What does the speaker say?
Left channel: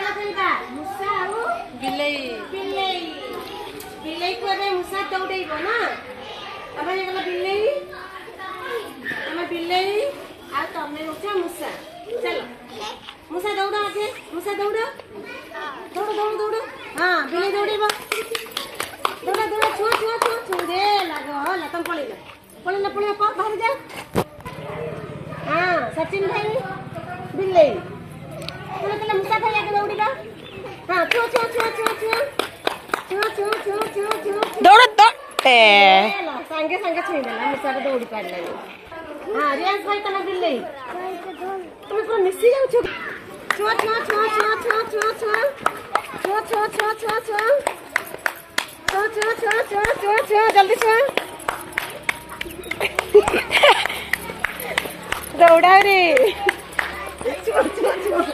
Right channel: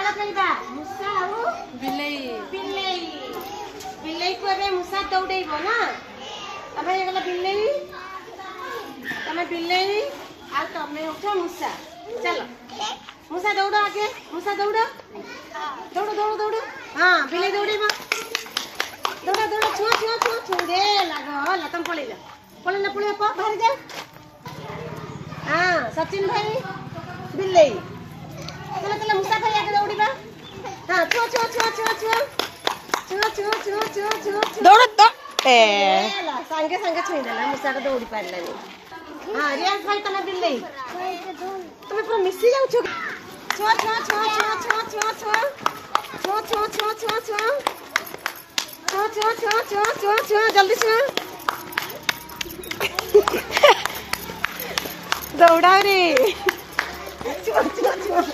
खेल खेलबा मुसा आउ बिलेई बिलेई बिलेई को रे मुसा दौड़ेइबो ना तमे गला बिलेई तमे बिलेई आ तमे उठो मुसा चलो मुसा दौड़ो आगे मुसा दौड़ो दौड़ो दौड़ो दौड़ो हां बिलेई दौड़ीबो दौड़ा दौड़ा छुआ छुआ छुआ छुड़े लागो ला तुम पळेला पळेला पळेला बाहर जा हां सचिन भाई बिलेई चलो चलो मुसा भाई आगे दौड़ीबा हां छुआ छुआ छुआ छुआ छुआ छुआ छुआ छुआ छुआ छुआ दौड़ दौड़ ला संगे संगे छुई देला मुसा को दौड़ी पारलानी हां रियाज भाई तम बिलेई तुम पूरा मिसी जाउ छु छुआ छुआ छुआ छुआ छुआ छुआ छुआ छुआ छुआ छुआ छुआ छुआ छुआ छुआ छुआ छुआ छुआ जल्दी छुआ दौड़ा रे छुआ छुआ छुआ